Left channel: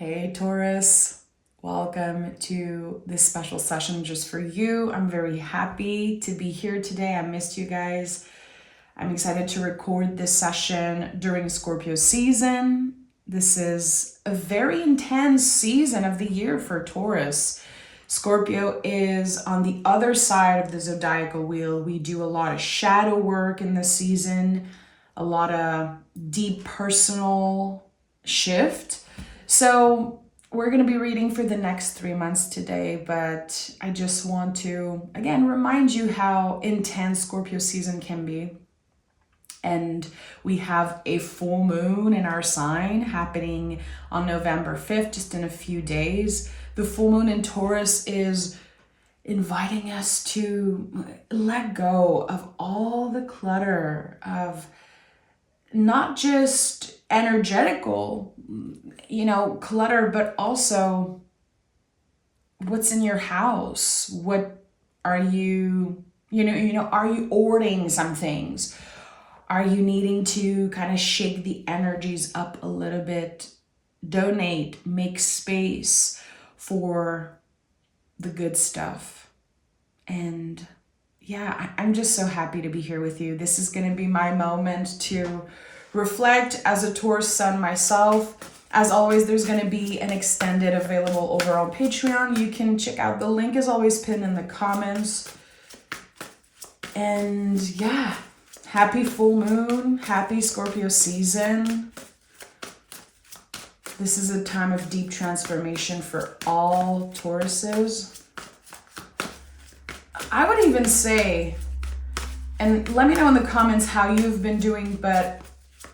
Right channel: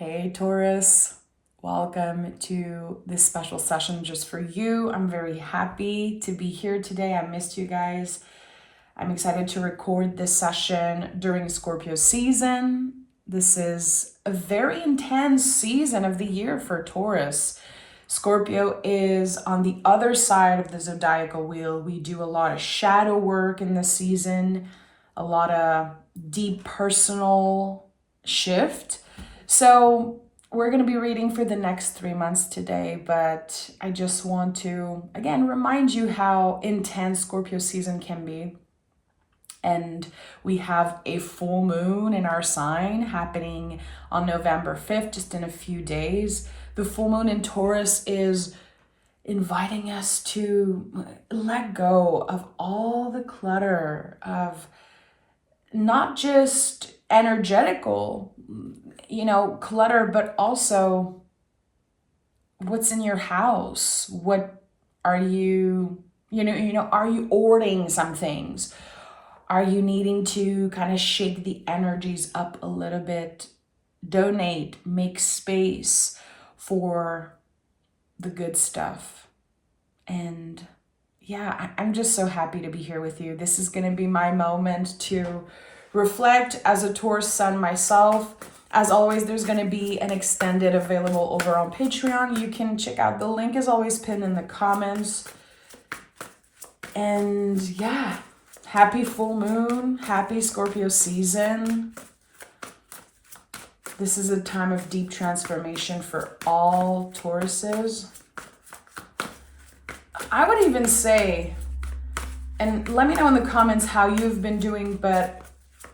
Hey Taurus, welcome to this special session just for you. I'm very happy to be here today. I missed you guys. I'm excited to record this session during Scorpio season. This is a very intense season of the year for Taurus. Scorpio is on the other side of the zodiacal wheel. We do a lot of shadow work in this season, a lot of deep personal shift. So we're going to be reading for the next 3 months today, but I just want to, again, remind you how intense Scorpio season can be. And we have a full moon in our sign happening on November 5th, just in a few days. The full moon in Taurus is inviting us to let go of all the clutter of not just energetical, clutter, but also what's in your house. What are you, are you ordering some things? Are you needing to kind of shake the energies up a little bit, donate, make space for the good stuff? And yeah, I'm just so happy to be here with you. This is going to be my moment to reflect as a Taurus sun myself. As always, there's going to be an extended available over on Patreon. You can check out, the link is always pinned in the comments. And yeah, happy full moon, happy Scorpio season. This is a time of deep transformation for all Tauruses. I would even say, and let me know in the comments how you've been doing, but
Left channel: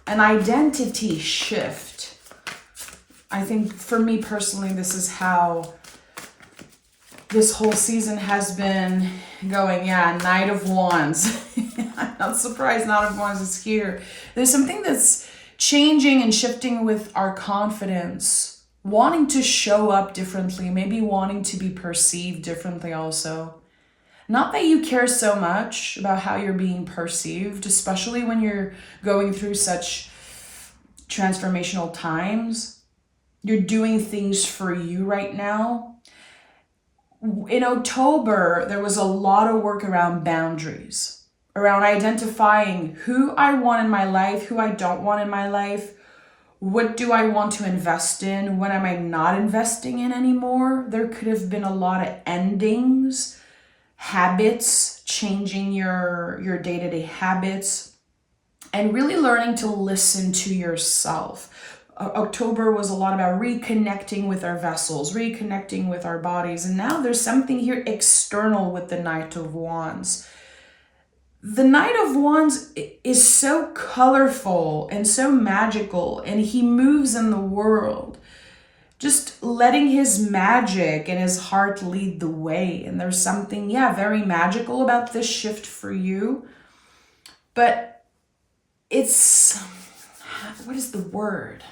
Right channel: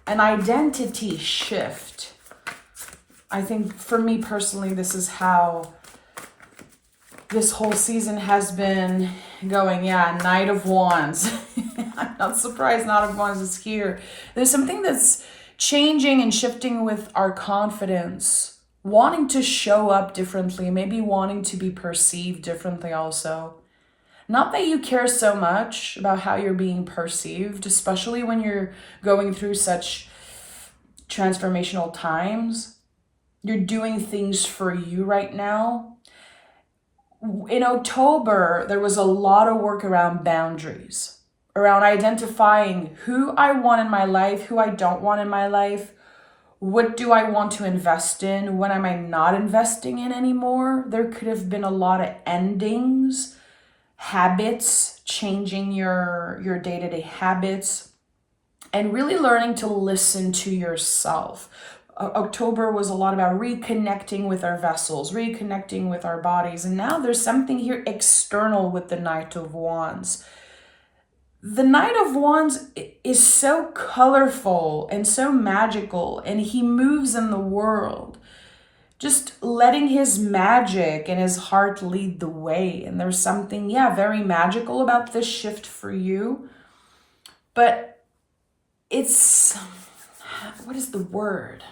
an identity shift. I think for me personally, this is how this whole season has been going. Yeah, Knight of Wands. I'm not surprised Knight of Wands is here. There's something that's changing and shifting with our confidence, wanting to show up differently, maybe wanting to be perceived differently also. Not that you care so much about how you're being perceived, especially when you're going through such transformational times. You're doing things for you right now. In October, there was a lot of work around boundaries, around identifying who I want in my life, who I don't want in my life. What do I want to invest in? What am I not investing in anymore? There could have been a lot of endings, habits, changing your day-to-day habits, and really learning to listen to yourself. October was a lot about reconnecting with our vessels, reconnecting with our bodies. And now there's something here external with the Knight of Wands. The Knight of Wands is so colorful and so magical, and he moves in the world, just letting his magic and his heart lead the way. And there's something, very magical about this shift for you. But it's, what is the word?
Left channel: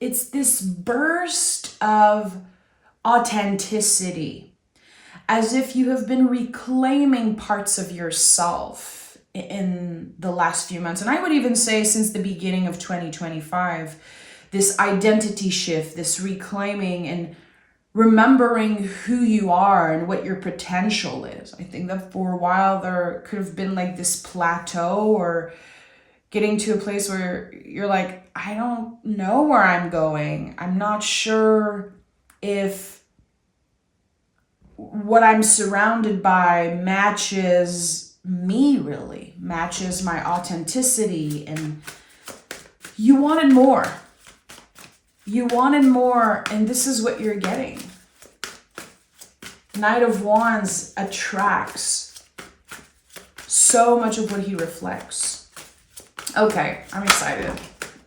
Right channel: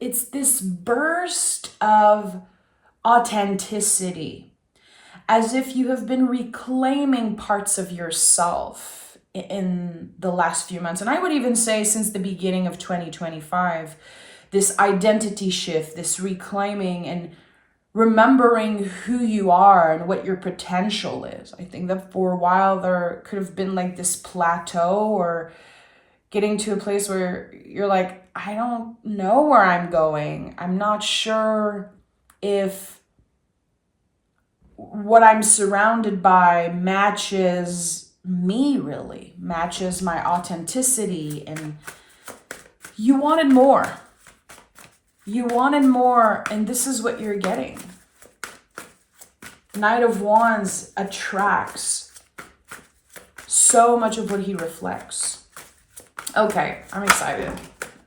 It's this burst of authenticity, as if you have been reclaiming parts of yourself in the last few months. And I would even say since the beginning of 2025, this identity shift, this reclaiming and remembering who you are and what your potential is. I think that for a while there could have been like this plateau, or getting to a place where you're like, I don't know where I'm going. I'm not sure if what I'm surrounded by matches me, really, matches my authenticity. And you wanted more. You wanted more, and this is what you're getting. Knight of Wands attracts so much of what he reflects. Okay, I'm excited.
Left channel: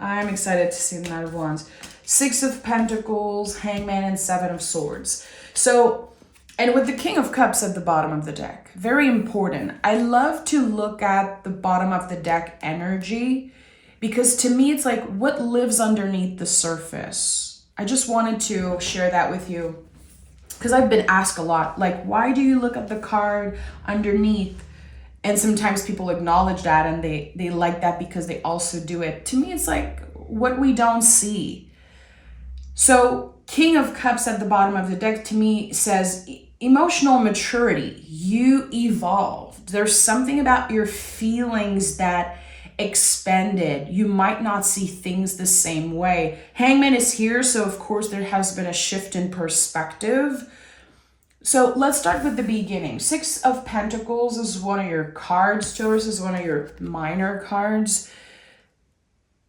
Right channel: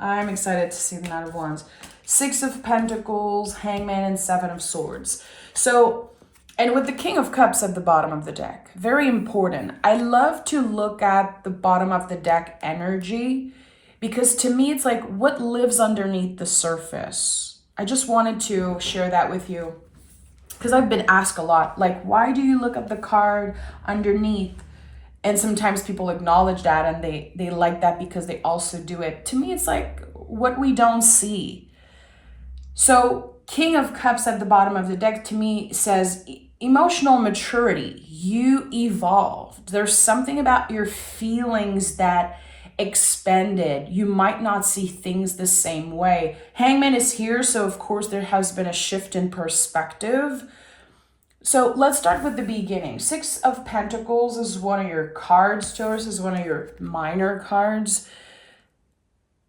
I'm excited to see the Knight of Wands. 6 of Pentacles, Hangman, and 7 of Swords. So, and with the King of Cups at the bottom of the deck, very important. I love to look at the bottom of the deck energy, because to me, it's like what lives underneath the surface. I just wanted to share that with you, because I've been asked a lot, like, why do you look at the card underneath? And sometimes people acknowledge that and they like that because they also do it. To me, it's like, what we don't see. So King of Cups at the bottom of the deck to me says emotional maturity. You evolved. There's something about your feelings that expanded. You might not see things the same way. Hangman is here, so of course there has been a shift in perspective. So let's start with the beginning. Six of Pentacles is one of your cards. Taurus is one of your minor cards.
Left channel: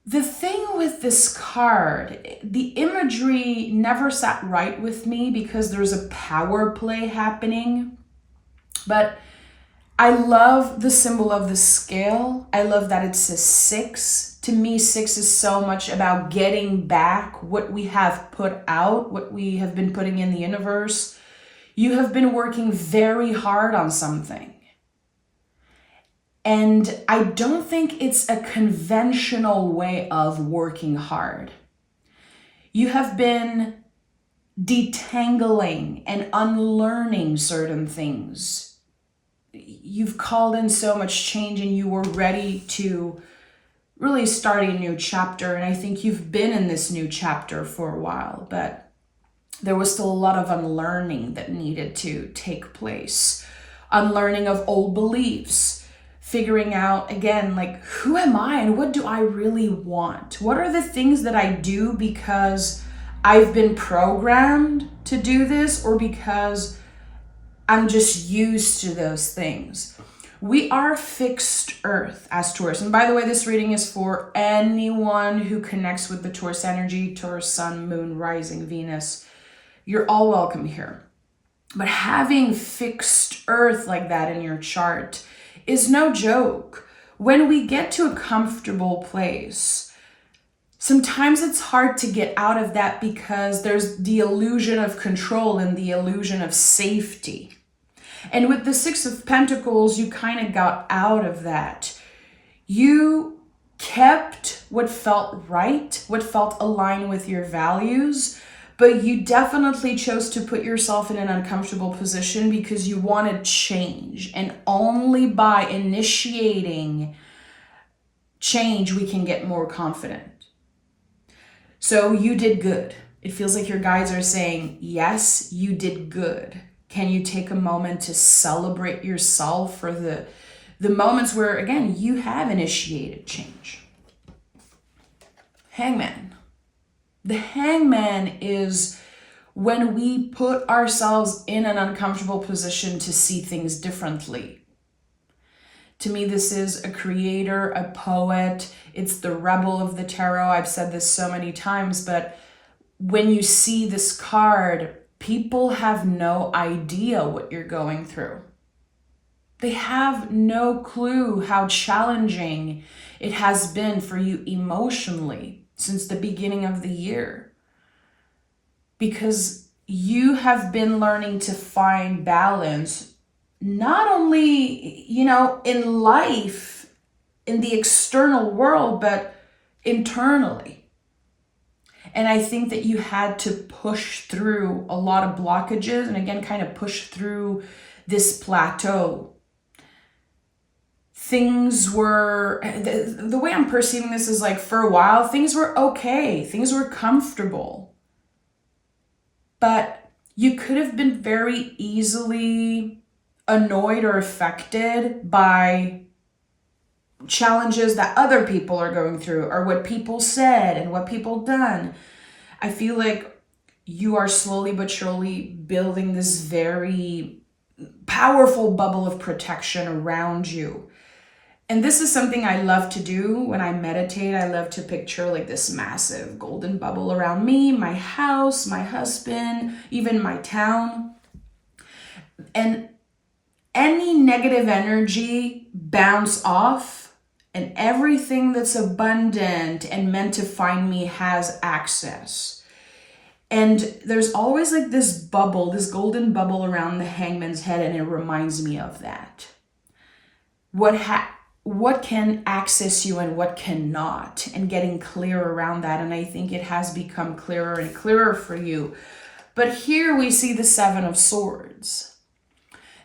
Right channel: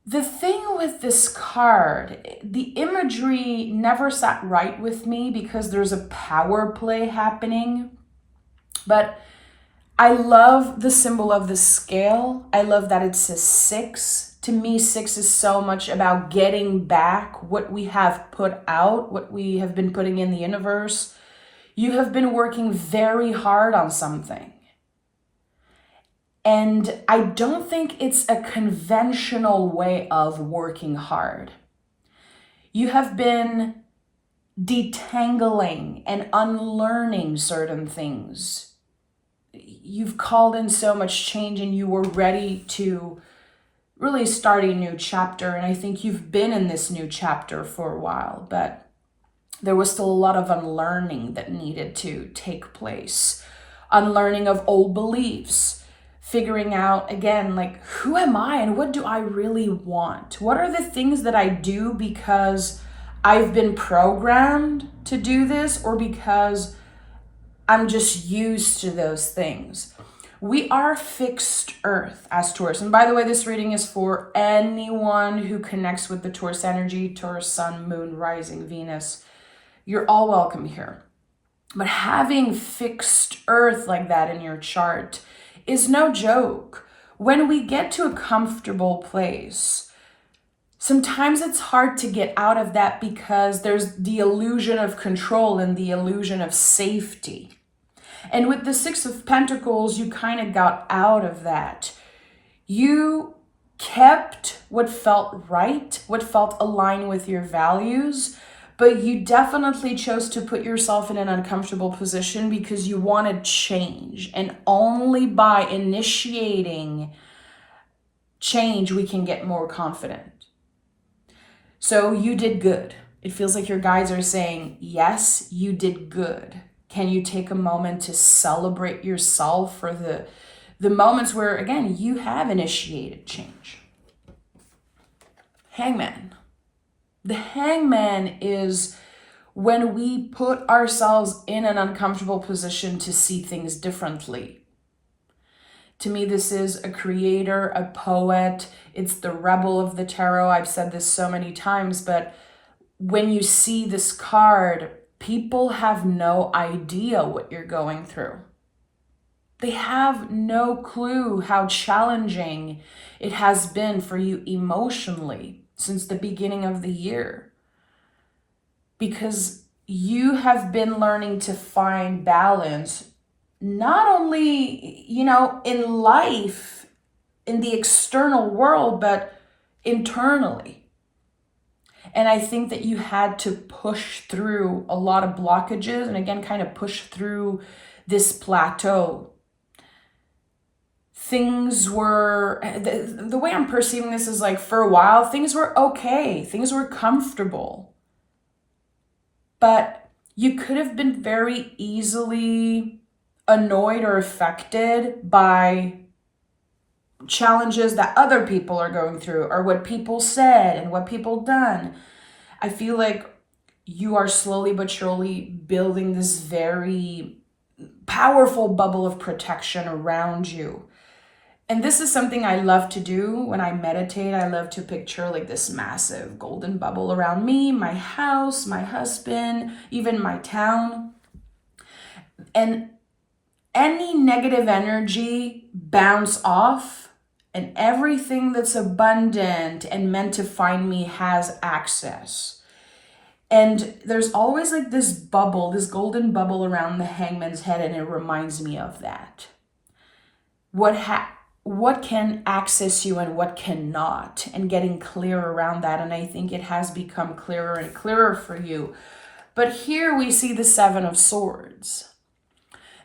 The thing with this card, the imagery never sat right with me because there's a power play happening. But I love the symbol of the scale. I love that it's a 6. To me, 6 is so much about getting back what we have put out, what we have been putting in the universe. You have been working very hard on something. And I don't think it's a conventional way of working hard. You have been detangling and unlearning certain things. You've called in so much change and you were ready to really start a new chapter. And I think you've been in this new chapter for a while, but there was still a lot of unlearning that needed to take place. Unlearning of old beliefs. Figuring out, again, like, who am I and what do I really want? What are the things that I do because I've been programmed to do this or because I'm just used to those things? We are fixed earth as Taurus. And by the way, this reading is for anyone who connects with the Taurus energy, Taurus, Sun, Moon, Rising, Venus. You're all welcome here. But having fixed earth like that in your chart is no joke. When we get to a comfortable place, sometimes it's hard to get out of that because there's the illusion of control and the illusion of safety. And with the Six of Pentacles, you kind of got out of that. You kept what felt right, what felt aligned with your values, but you definitely chose to put yourself in an uncomfortable position because you wanted change. And only by initiating change, we can get more confident. So you did good. It feels like your guides are saying, yes, you did good. Can you take a moment to celebrate yourself for the moments where, again, you have initiated change? Hangman. The Hangman is when we put ourselves in an uncomfortable position to see things differently. To me, this is a creator, a poet. It's the rebel of the tarot. I've said this so many times, but when you see this card, people have no idea what you're going through. They have no clue how challenging it has been for you emotionally since the beginning of the year, because you have been learning to find balance, not only, in life, in the external world, but internally. And I think that you had to push through a lot of blockages and again, kind of push through this plateau. Things were, the way I'm perceiving this is like for a while, things were okay. Things were comfortable. But you could have been very easily annoyed or affected by challenges that other people are going through or what people said and what people done. I feel like you are slowly but surely building this very powerful bubble of protection around you. And this is something I love to do when I meditate. I love to picture like this massive golden bubble around me, my house, my husband, even my town. And any negative energy bounce off, and everything that's abundant and meant to find me has access. And there's always like this bubble, this golden bubble around the Hangman's head, and it reminds me of that. What can access you and what cannot, and getting clear around that. And I think it has become clearer and clearer for you. But here we see the Seven of Swords.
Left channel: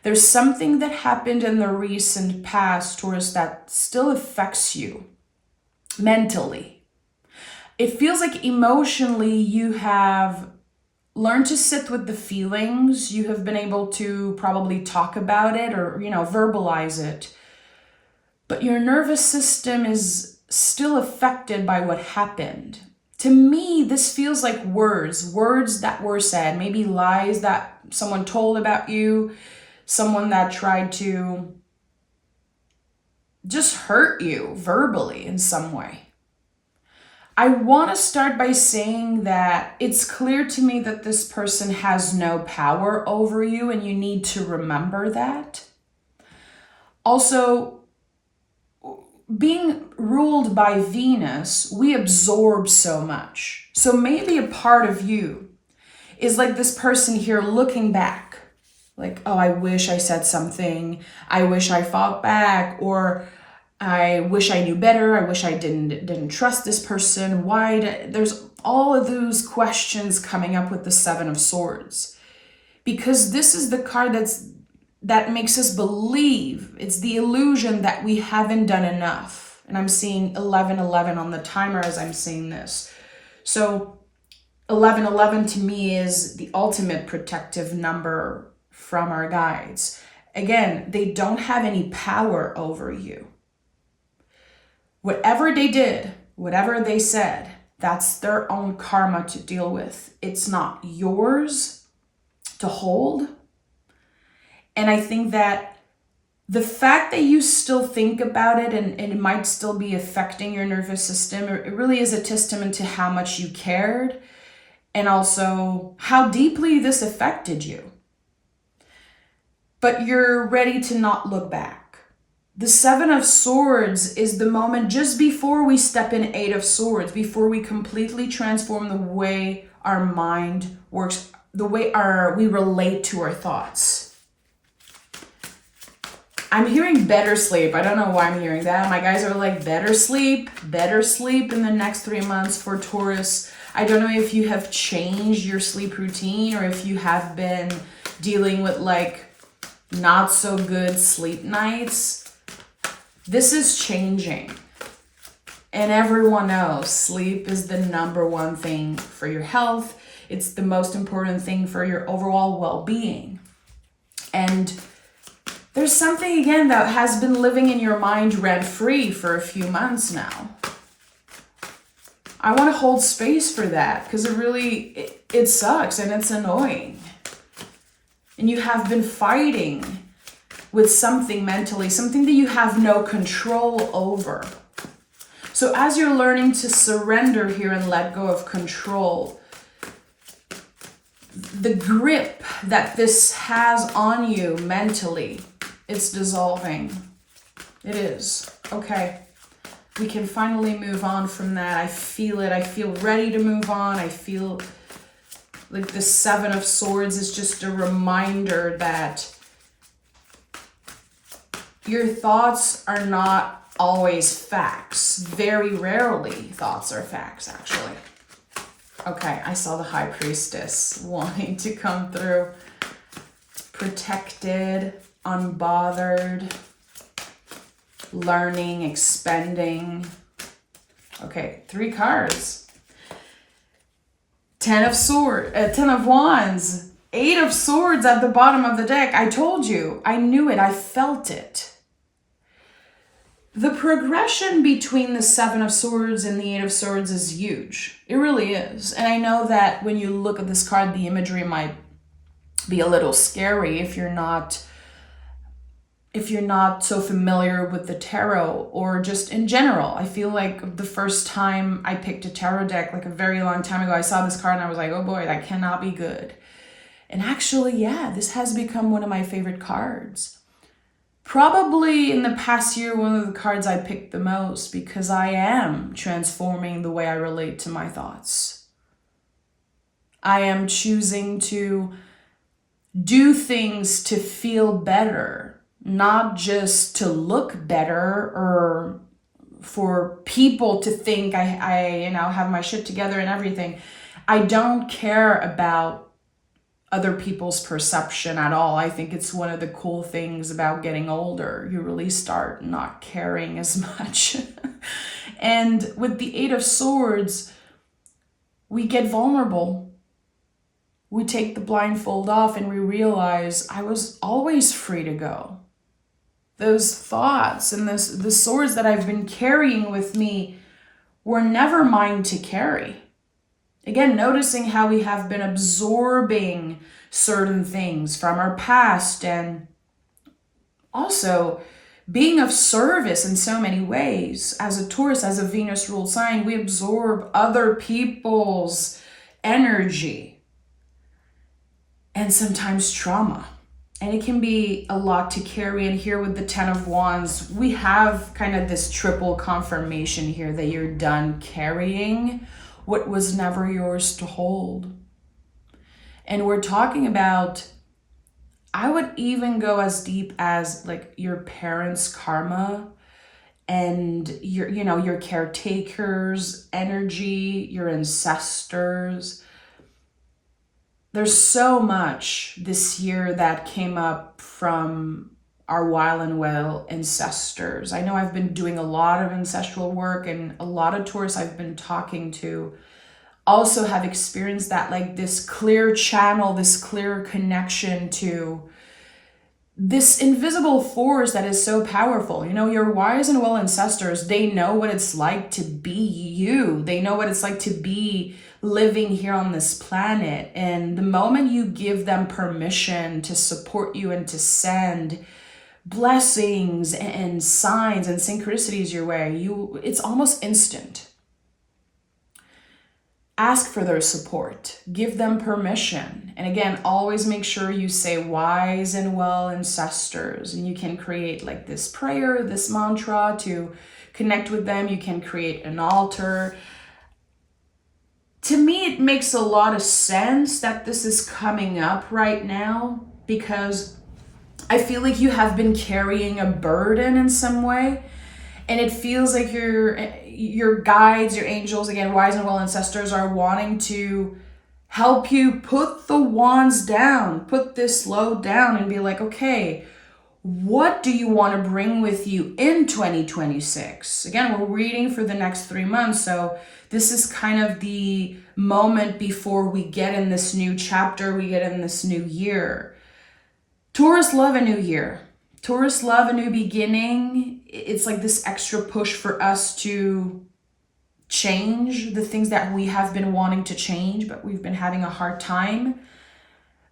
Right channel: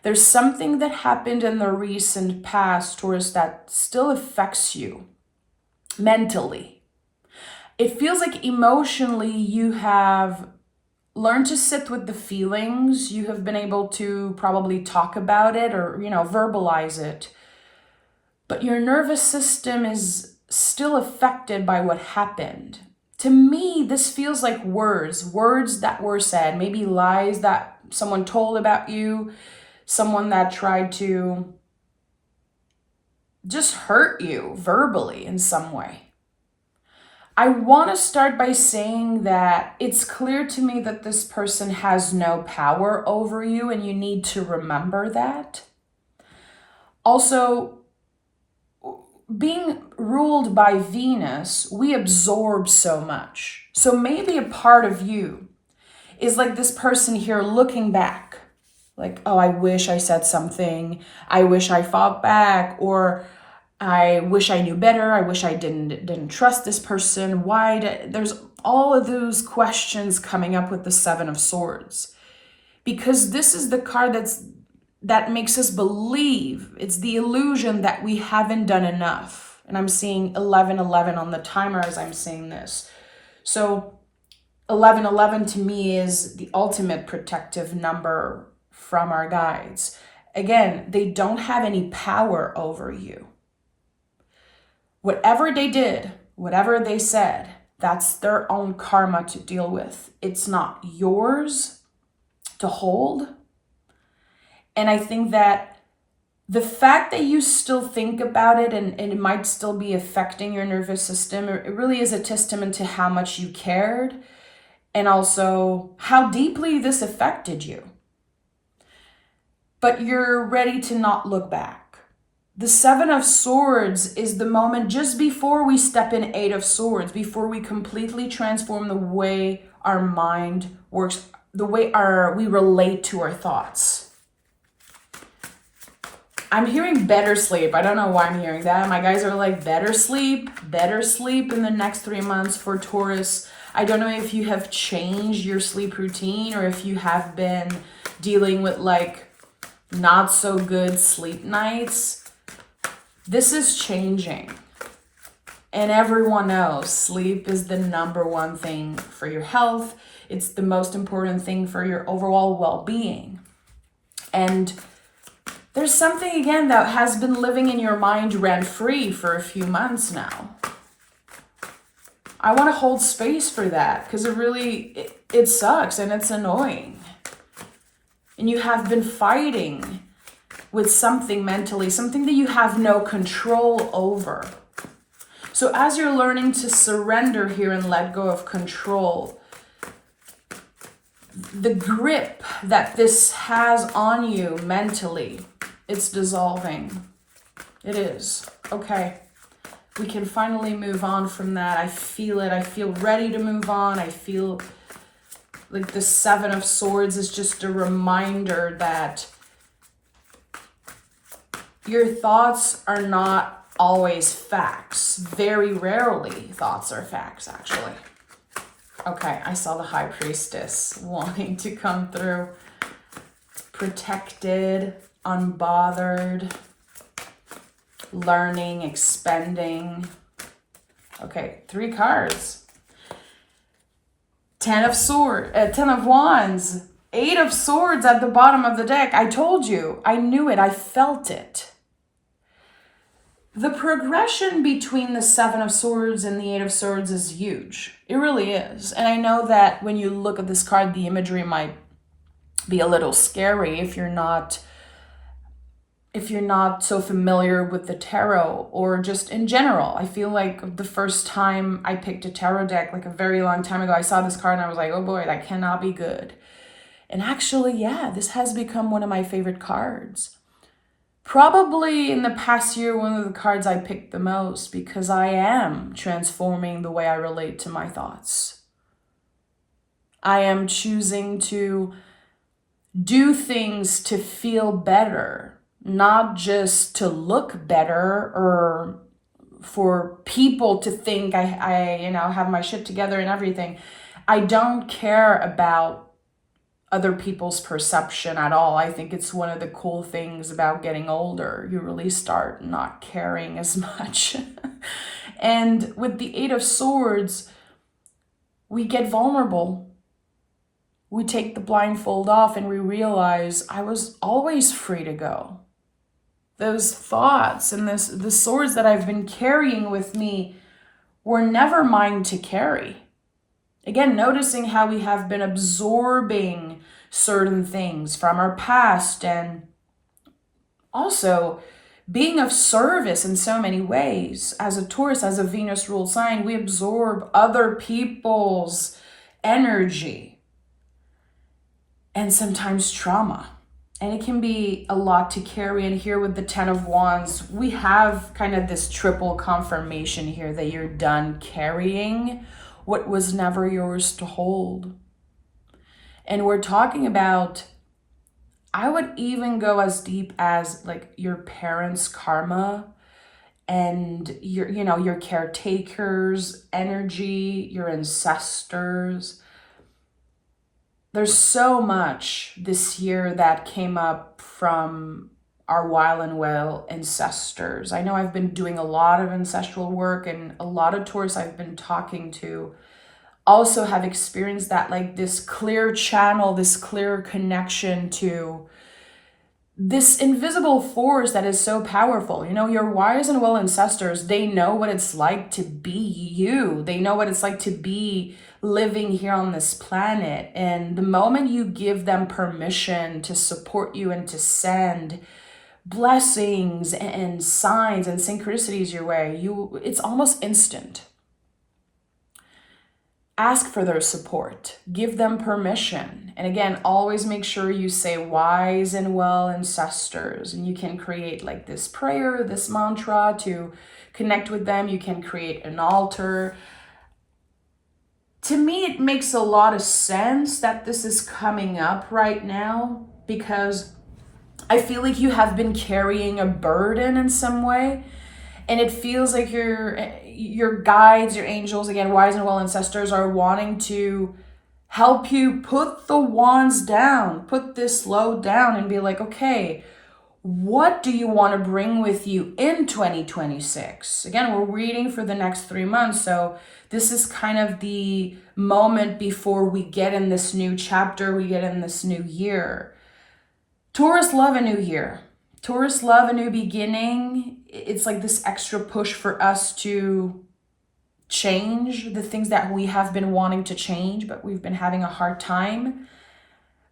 There's something that happened in the recent past, Taurus, that still affects you mentally. It feels like emotionally you have learned to sit with the feelings. You have been able to probably talk about it or, verbalize it. But your nervous system is still affected by what happened. To me, this feels like words that were said, maybe lies that someone told about you, someone that tried to just hurt you verbally in some way. I want to start by saying that it's clear to me that this person has no power over you, and you need to remember that. Also, being ruled by Venus, we absorb so much. So maybe a part of you is like this person here looking back, like, oh, I wish I said something. I wish I fought back, or I wish I knew better. I wish I didn't trust this person. There's all of those questions coming up with the Seven of Swords, because this is the card that makes us believe. It's the illusion that we haven't done enough. And I'm seeing 1111 on the timer as I'm saying this. So 1111 to me is the ultimate protective number from our guides. Again, they don't have any power over you. Whatever they did, whatever they said, that's their own karma to deal with. It's not yours to hold. And I think that the fact that you still think about it and it might still be affecting your nervous system, it really is a testament to how much you cared and also how deeply this affected you. But you're ready to not look back. The Seven of Swords is the moment just before we step in Eight of Swords, before we completely transform the way our mind works, the way we relate to our thoughts. I'm hearing better sleep. I don't know why I'm hearing that. My guys are like, better sleep in the next 3 months for Taurus. I don't know if you have changed your sleep routine or if you have been dealing with like not so good sleep nights. This is changing. And everyone knows sleep is the number one thing for your health. It's the most important thing for your overall well-being. And there's something, again, that has been living in your mind rent-free for a few months now. I want to hold space for that because it sucks and it's annoying. And you have been fighting with something mentally, something that you have no control over. So as you're learning to surrender here and let go of control, the grip that this has on you mentally, it's dissolving. It is. Okay. We can finally move on from that. I feel it. I feel ready to move on. I feel like the Seven of Swords is just a reminder that your thoughts are not always facts. Very rarely thoughts are facts, actually. Okay, I saw the High Priestess wanting to come through. Protected, unbothered, learning, expanding. Okay, 3 cards. 10 of Wands. 8 of Swords at the bottom of the deck. I told you. I knew it. I felt it. The progression between the 7 of Swords and the 8 of Swords is huge. It really is. And I know that when you look at this card, the imagery might be a little scary if you're not so familiar with the tarot or just in general. I feel like the first time I picked a tarot deck, like a very long time ago, I saw this card and I was like, oh boy, that cannot be good. And actually, yeah, this has become one of my favorite cards. Probably in the past year, one of the cards I picked the most because I am transforming the way I relate to my thoughts. I am choosing to do things to feel better, not just to look better or for people to think I have my shit together and everything. I don't care about other people's perception at all. I think it's one of the cool things about getting older. You really start not caring as much. And with the 8 of Swords, we get vulnerable. We take the blindfold off and we realize I was always free to go. Those thoughts and the swords that I've been carrying with me were never mine to carry. Again, noticing how we have been absorbing certain things from our past, and also being of service in so many ways. As a Taurus, as a Venus ruled sign, we absorb other people's energy and sometimes trauma. And it can be a lot to carry. And here with the 10 of Wands, we have kind of this triple confirmation here that you're done carrying what was never yours to hold. And we're talking about, I would even go as deep as like your parents' karma and your caretakers' energy, your ancestors. There's so much this year that came up from our wild and well ancestors. I know I've been doing a lot of ancestral work, and a lot of Taurus I've been talking to also have experienced that, like this clear channel, this clear connection to this invisible force that is so powerful. Your wise and well ancestors, they know what it's like to be you. They know what it's like to be living here on this planet. And the moment you give them permission to support you and to send blessings and signs and synchronicities your way, it's almost instant. Ask for their support, give them permission. And again, always make sure you say wise and well ancestors. And you can create like this prayer, this mantra to connect with them. You can create an altar. To me, it makes a lot of sense that this is coming up right now, because I feel like you have been carrying a burden in some way. And it feels like your guides, your angels, again, wise and well ancestors, are wanting to help you put the wands down, put this load down and be like, okay, what do you want to bring with you in 2026? Again, we're reading for the next 3 months. So this is kind of the moment before we get in this new chapter, we get in this new year. Taurus love a new year. Taurus love a new beginning. It's like this extra push for us to change the things that we have been wanting to change, but we've been having a hard time.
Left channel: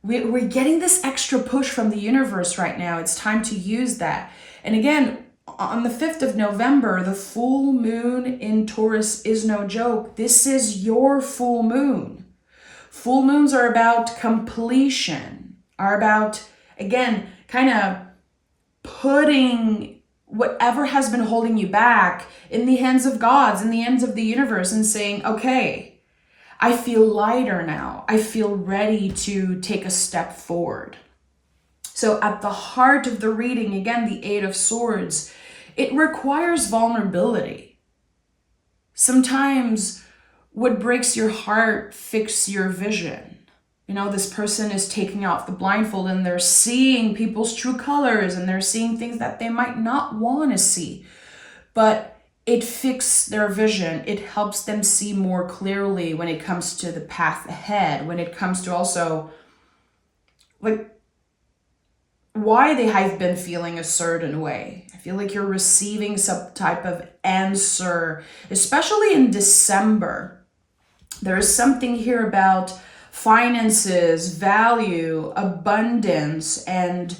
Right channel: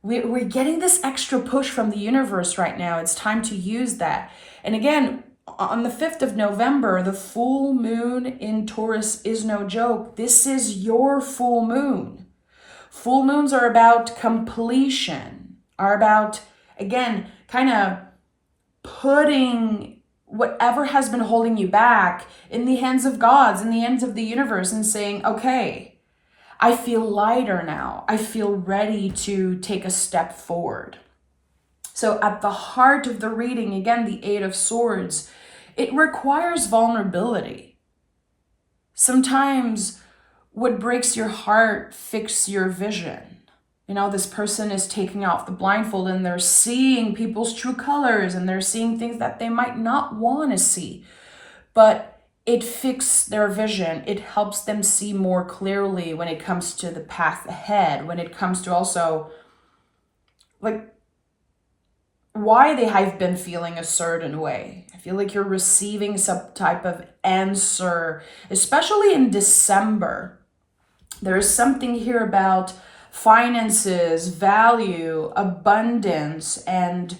We're getting this extra push from the universe right now. It's time to use that. And again, on the 5th of November, the full moon in Taurus is no joke. This is your full moon. Full moons are about completion, are about, again, kind of putting whatever has been holding you back in the hands of gods, in the hands of the universe, and saying, okay, I feel lighter now. I feel ready to take a step forward. So at the heart of the reading, again, the 8 of Swords, it requires vulnerability. Sometimes what breaks your heart fixes your vision. This person is taking off the blindfold and they're seeing people's true colors, and they're seeing things that they might not want to see. But it fixes their vision. It helps them see more clearly when it comes to the path ahead, when it comes to also like why they have been feeling a certain way. I feel like you're receiving some type of answer, especially in December. There is something here about finances, value, abundance, and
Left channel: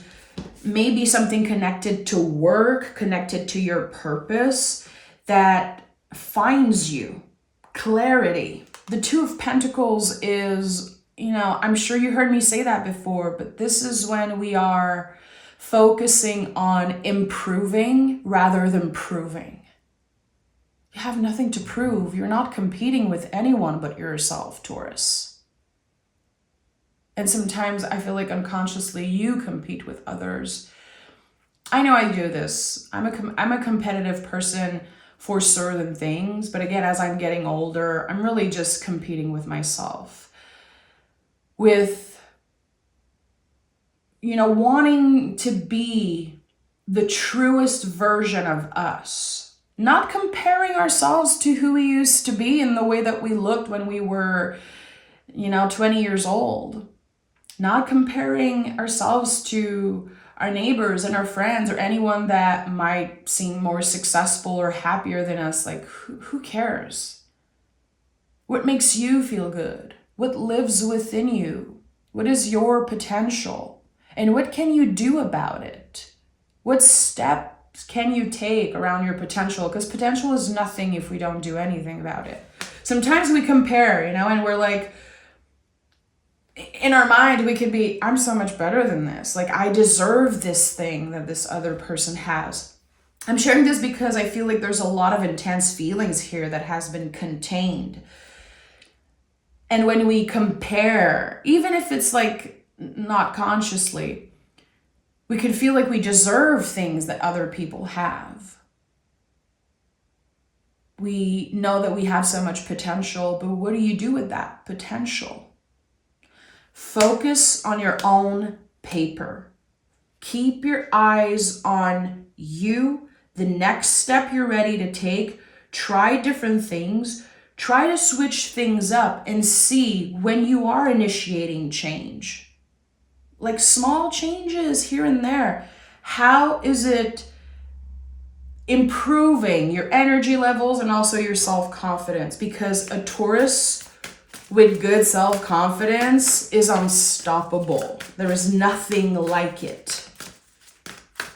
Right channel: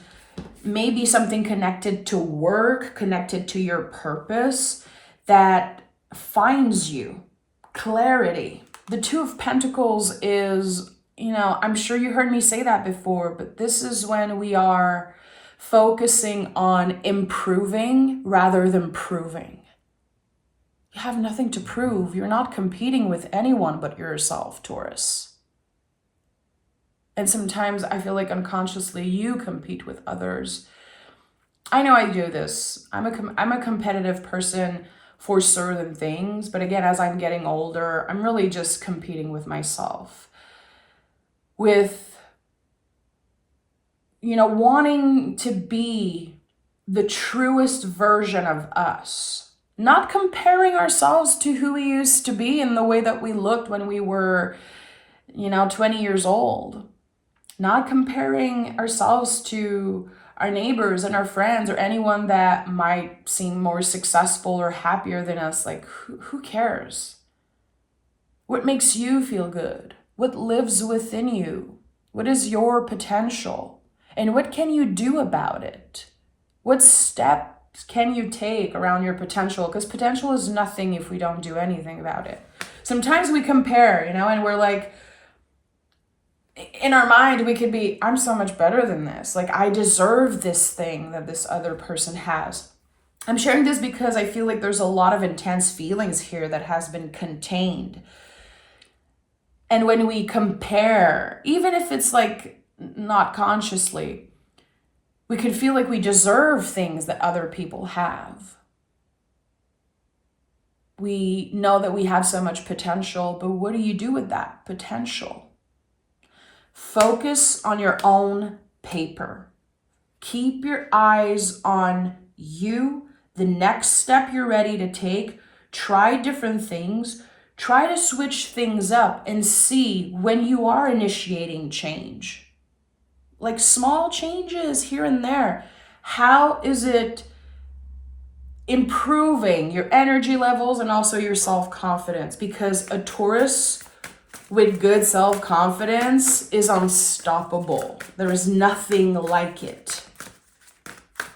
maybe something connected to work, connected to your purpose that finds you. Clarity. The 2 of Pentacles is, I'm sure you heard me say that before, but this is when we are focusing on improving rather than proving. You have nothing to prove. You're not competing with anyone but yourself, Taurus. And sometimes I feel like unconsciously you compete with others. I know I do this. I'm a competitive person for certain things. But again, as I'm getting older, I'm really just competing with myself. With, wanting to be the truest version of us. Not comparing ourselves to who we used to be in the way that we looked when we were, 20 years old. Not comparing ourselves to our neighbors and our friends or anyone that might seem more successful or happier than us. Like, who cares? What makes you feel good? What lives within you? What is your potential? And what can you do about it? What steps can you take around your potential? Because potential is nothing if we don't do anything about it. Sometimes we compare, and we're like, in our mind, we could be, I'm so much better than this. Like, I deserve this thing that this other person has. I'm sharing this because I feel like there's a lot of intense feelings here that has been contained. And when we compare, even if it's like not consciously, we could feel like we deserve things that other people have. We know that we have so much potential, but what do you do with that potential? Focus on your own paper. Keep your eyes on you, the next step you're ready to take. Try different things. Try to switch things up and see when you are initiating change. Like small changes here and there. How is it improving your energy levels and also your self-confidence? Because a Taurus with good self-confidence is unstoppable. There is nothing like it.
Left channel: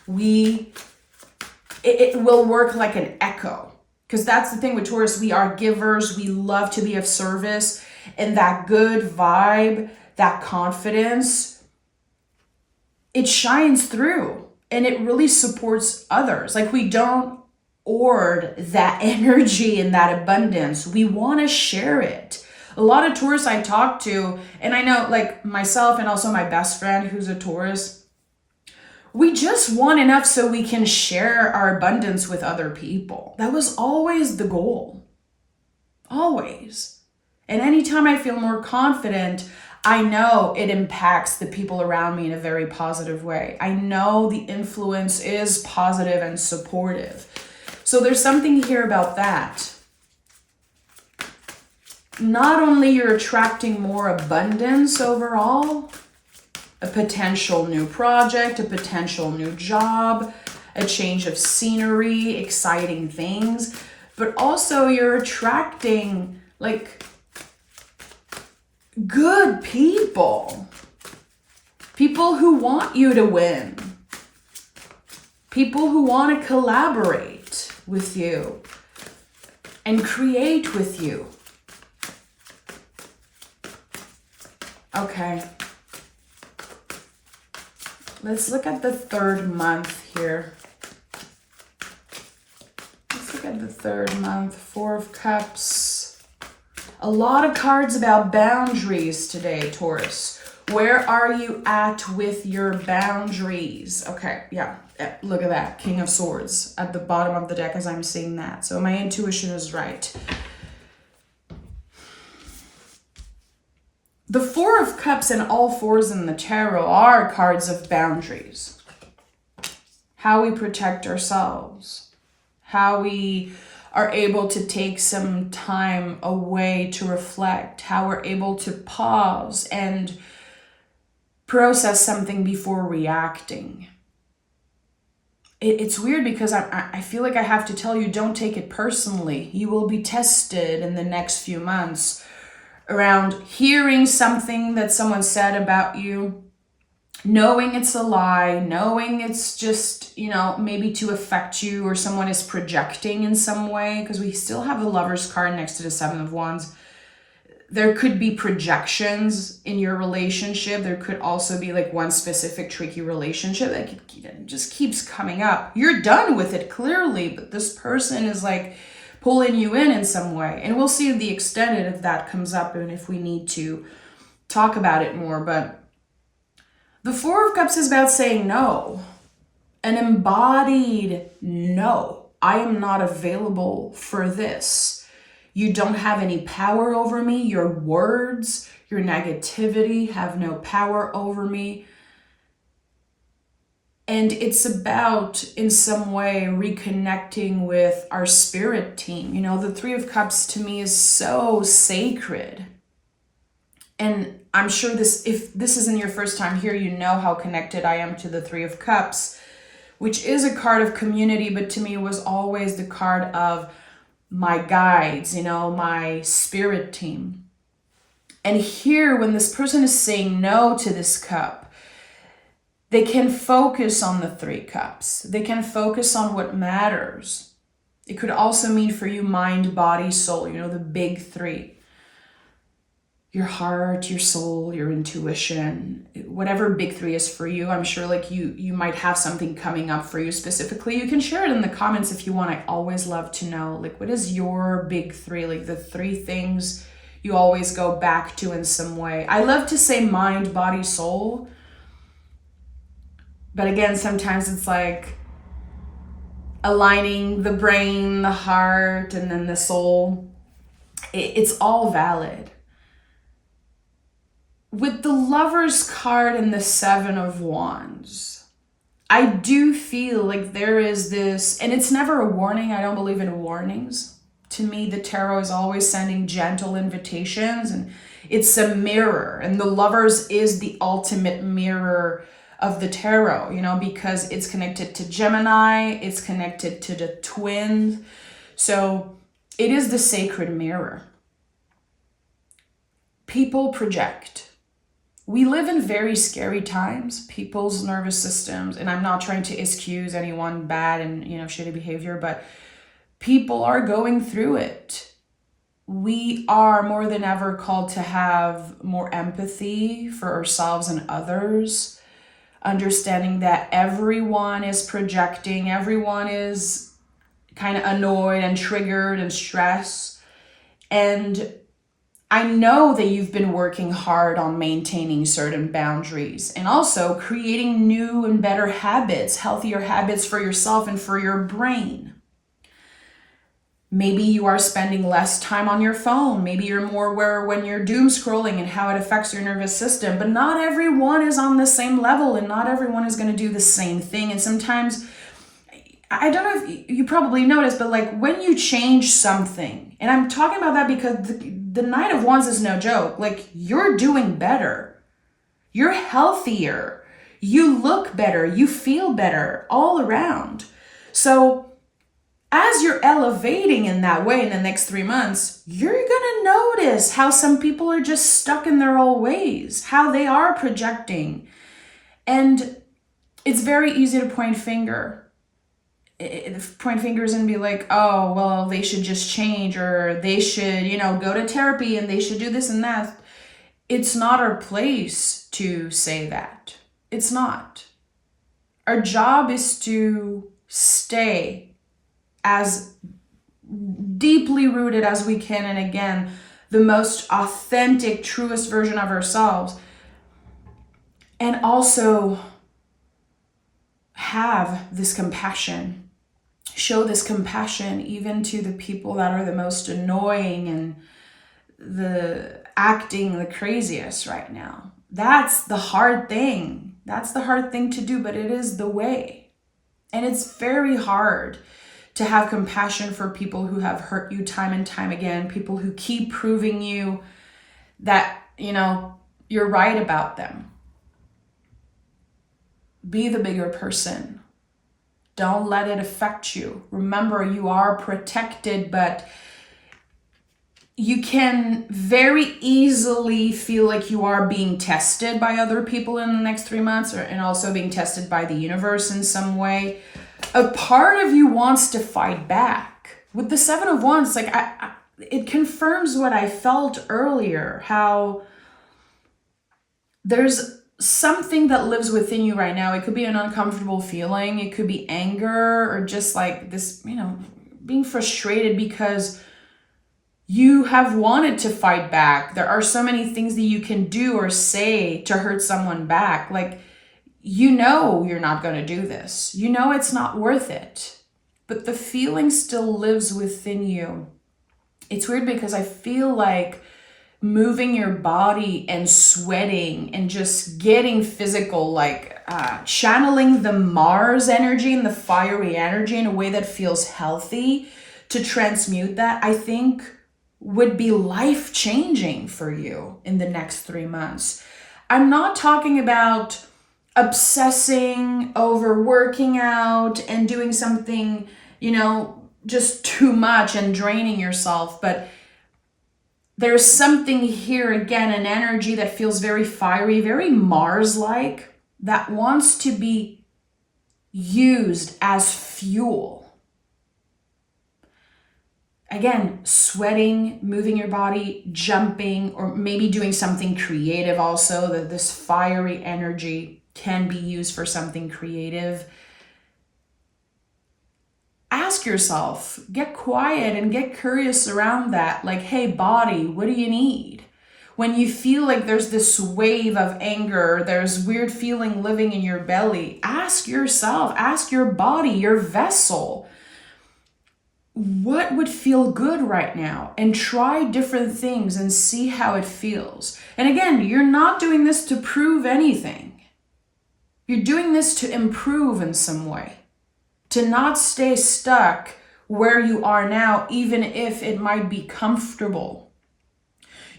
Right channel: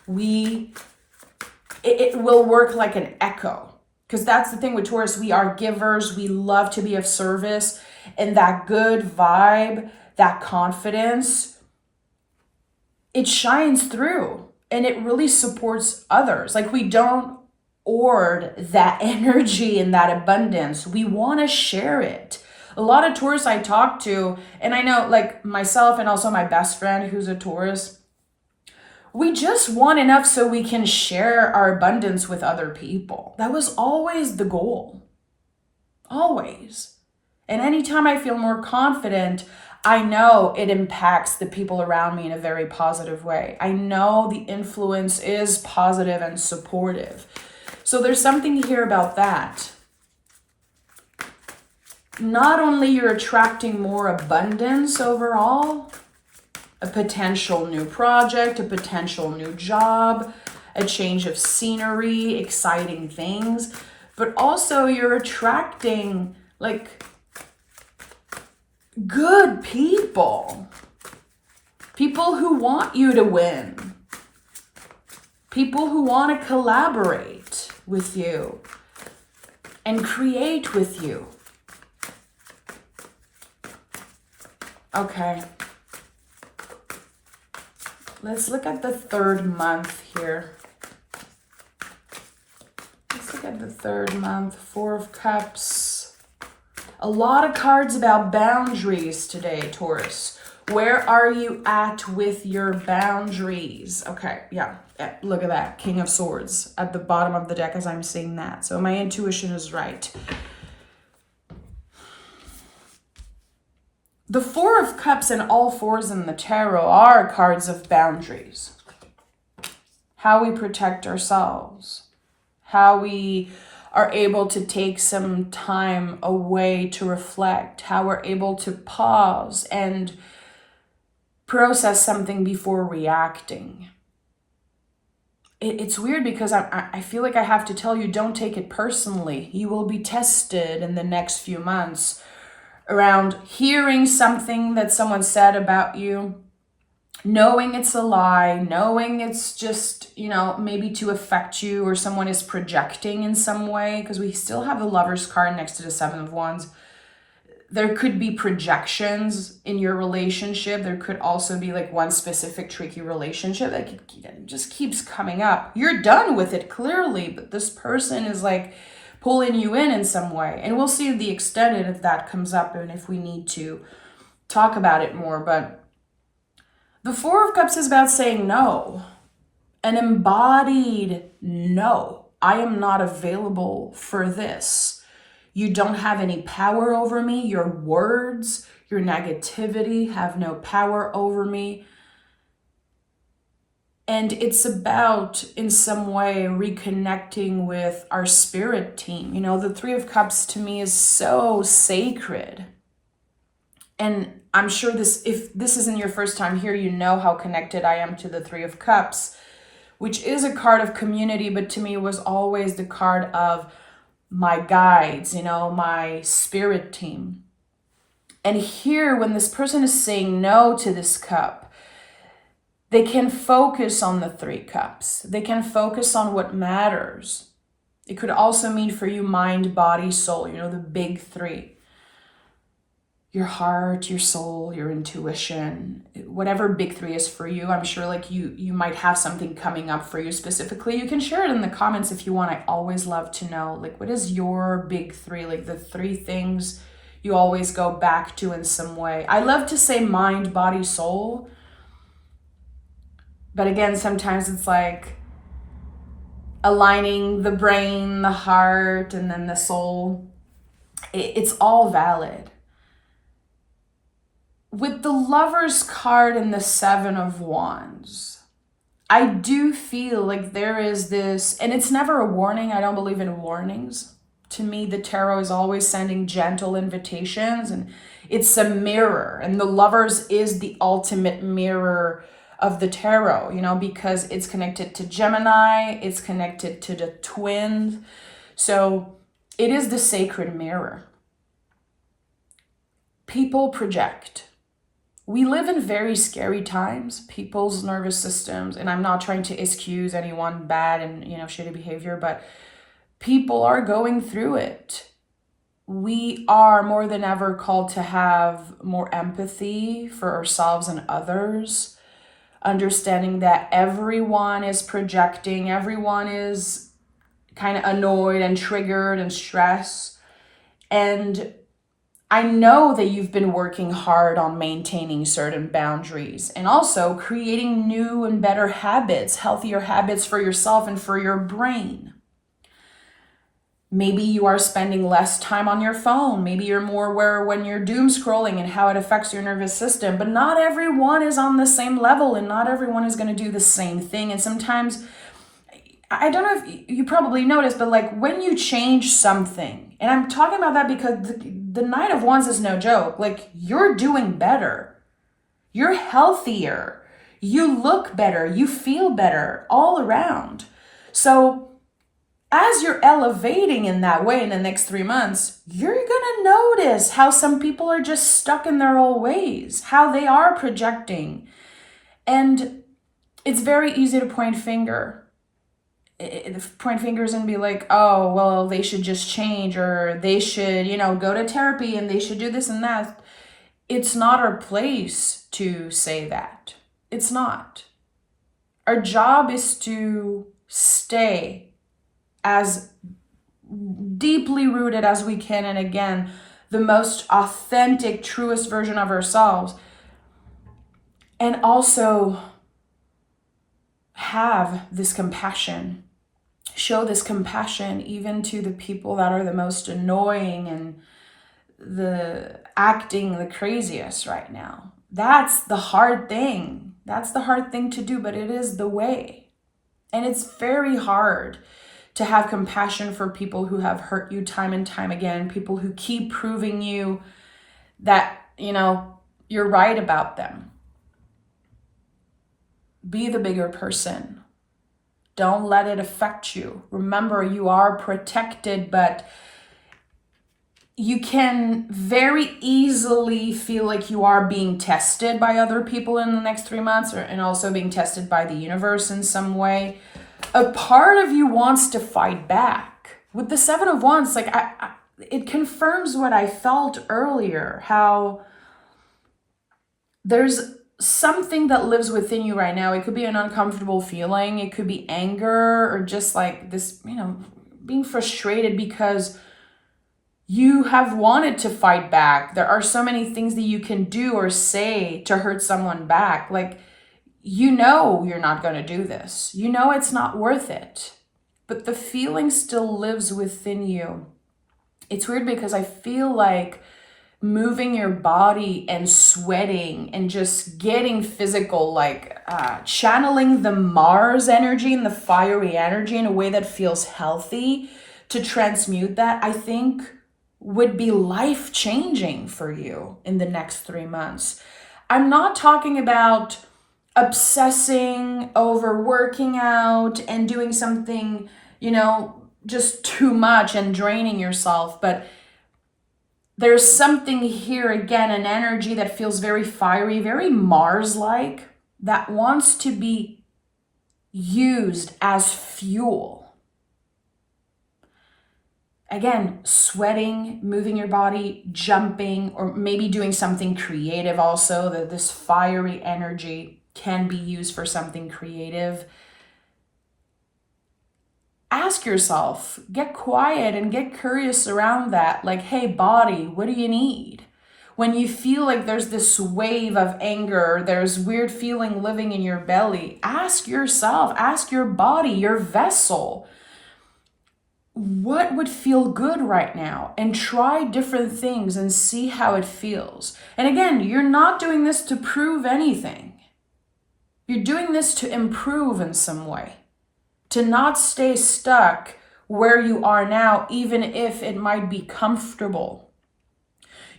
It will work like an echo. Because that's the thing with Taurus. We are givers. We love to be of service. And that good vibe, that confidence, it shines through. And it really supports others. Like, we don't hoard that energy and that abundance. We want to share it. A lot of Taurus I talk to, and I know like myself and also my best friend who's a Taurus, we just want enough so we can share our abundance with other people. That was always the goal. Always. And anytime I feel more confident, I know it impacts the people around me in a very positive way. I know the influence is positive and supportive. So there's something here about that. Not only you're attracting more abundance overall, a potential new project, a potential new job, a change of scenery, exciting things, but also you're attracting like good people. People who want you to win. People who want to collaborate with you and create with you. Okay. Let's look at the third month here. Let's look at the third month. 4 of Cups. A lot of cards about boundaries today, Taurus. Where are you at with your boundaries? Okay, yeah. Look at that. King of Swords at the bottom of the deck as I'm seeing that. So my intuition is right. The 4 of Cups and all 4s in the tarot are cards of boundaries. How we protect ourselves. How we are able to take some time away to reflect. How we're able to pause and process something before reacting. It's weird because I feel like I have to tell you, don't take it personally. You will be tested in the next few months around hearing something that someone said about you, knowing it's a lie, knowing it's just, maybe to affect you or someone is projecting in some way, because we still have the Lover's card next to the 7 of Wands. There could be projections in your relationship. There could also be like one specific tricky relationship that just keeps coming up. You're done with it clearly, but this person is like pulling you in some way. And we'll see the extent if that comes up and if we need to talk about it more. But the 4 of Cups is about saying no. An embodied no. I am not available for this. You don't have any power over me. Your words, your negativity have no power over me. And it's about, in some way, reconnecting with our spirit team. You know, the Three of Cups to me is so sacred. And I'm sure if this isn't your first time here, you know how connected I am to the Three of Cups, which is a card of community, but to me was always the card of my guides, you know, my spirit team. And here, when this person is saying no to this cup, they can focus on the Three Cups. They can focus on what matters. It could also mean for you mind, body, soul, you know, the big three. Your heart, your soul, your intuition, whatever big three is for you. I'm sure like you might have something coming up for you specifically. You can share it in the comments if you want. I always love to know, like, what is your big three? Like the three things you always go back to in some way. I love to say mind, body, soul. But again, sometimes it's like aligning the brain, the heart, and then the soul. It's all valid. With the Lover's card and the Seven of Wands, I do feel like there is this, and it's never a warning. I don't believe in warnings. To me, the tarot is always sending gentle invitations, and it's a mirror. And the Lovers is the ultimate mirror of the tarot, you know, because it's connected to Gemini, it's connected to the twins. So it is the sacred mirror. People project. We live in very scary times, people's nervous systems, and I'm not trying to excuse anyone bad and, you know, shitty behavior, but people are going through it. We are more than ever called to have more empathy for ourselves and others, understanding that everyone is projecting, everyone is kind of annoyed and triggered and stressed. And I know that you've been working hard on maintaining certain boundaries and also creating new and better habits, healthier habits for yourself and for your brain. Maybe you are spending less time on your phone. Maybe you're more aware when you're doom scrolling and how it affects your nervous system. But not everyone is on the same level and not everyone is going to do the same thing. And sometimes, I don't know if you probably noticed, but like when you change something, and I'm talking about that because the Knight of Wands is no joke. Like, you're doing better. You're healthier. You look better. You feel better all around. So as you're elevating in that way in the next 3 months, you're going to notice how some people are just stuck in their old ways, how they are projecting. And it's very easy to point fingers and be like, oh, well, they should just change, or they should, you know, go to therapy and they should do this and that. It's not our place to say that. It's not. Our job is to stay as deeply rooted as we can, and again, the most authentic, truest version of ourselves, and also have this compassion, show this compassion even to the people that are the most annoying and the acting the craziest right now. That's the hard thing. That's the hard thing to do, but it is the way. And it's very hard to have compassion for people who have hurt you time and time again, people who keep proving you that, you know, you're right about them. Be the bigger person. Don't let it affect you. Remember, you are protected, but you can very easily feel like you are being tested by other people in the next 3 months, and also being tested by the universe in some way. A part of you wants to fight back. With the Seven of Wands, like it confirms what I felt earlier, how there's something that lives within you right now. It could be an uncomfortable feeling. It could be anger, or just like this, you know, being frustrated because you have wanted to fight back. There are so many things that you can do or say to hurt someone back. Like, you know you're not going to do this. You know it's not worth it. But the feeling still lives within you. It's weird because I feel like moving your body and sweating and just getting physical, like channeling the Mars energy and the fiery energy in a way that feels healthy to transmute that, I think would be life-changing for you in the next 3 months. I'm not talking about obsessing over working out and doing something, just too much and draining yourself, but there's something here, again, an energy that feels very fiery, very Mars-like, that wants to be used as fuel. Again, sweating, moving your body, jumping, or maybe doing something creative also, that this fiery energy can be used for something creative. Ask yourself, get quiet and get curious around that. Like, hey, body, what do you need? When you feel like there's this wave of anger, there's weird feeling living in your belly, ask yourself, ask your body, your vessel, what would feel good right now? And try different things and see how it feels. And again, you're not doing this to prove anything. You're doing this to improve in some way. To not stay stuck where you are now, even if it might be comfortable.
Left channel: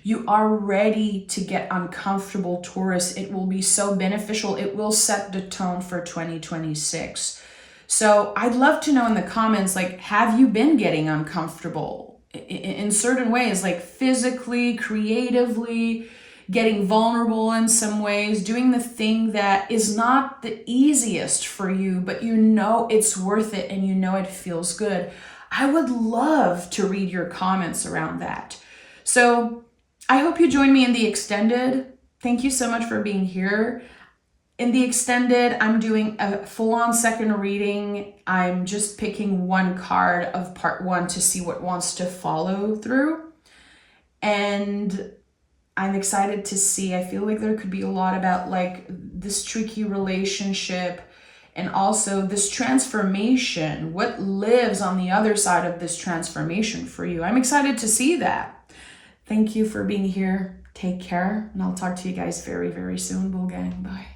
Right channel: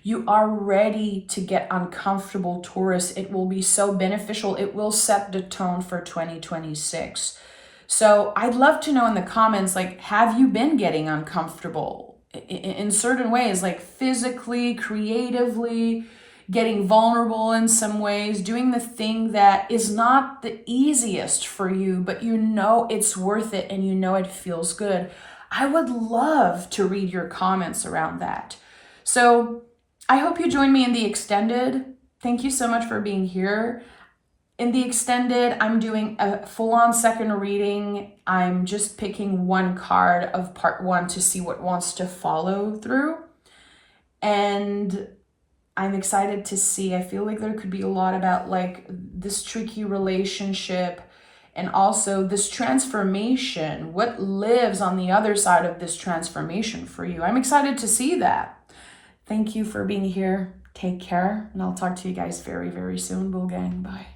You are ready to get uncomfortable, Taurus. It will be so beneficial. It will set the tone for 2026. So I'd love to know in the comments, like, have you been getting uncomfortable in certain ways, like physically, creatively, getting vulnerable in some ways, doing the thing that is not the easiest for you, but it's worth it and it feels good. I would love to read your comments around that. So I hope you join me in the extended. Thank you so much for being here. In the extended, I'm doing a full-on second reading. I'm just picking one card of part 1 to see what wants to follow through. And I'm excited to see. I feel like there could be a lot about like this tricky relationship and also this transformation. What lives on the other side of this transformation for you? I'm excited to see that. Thank you for being here. Take care. And I'll talk to you guys very, very soon. Bull gang. Bye.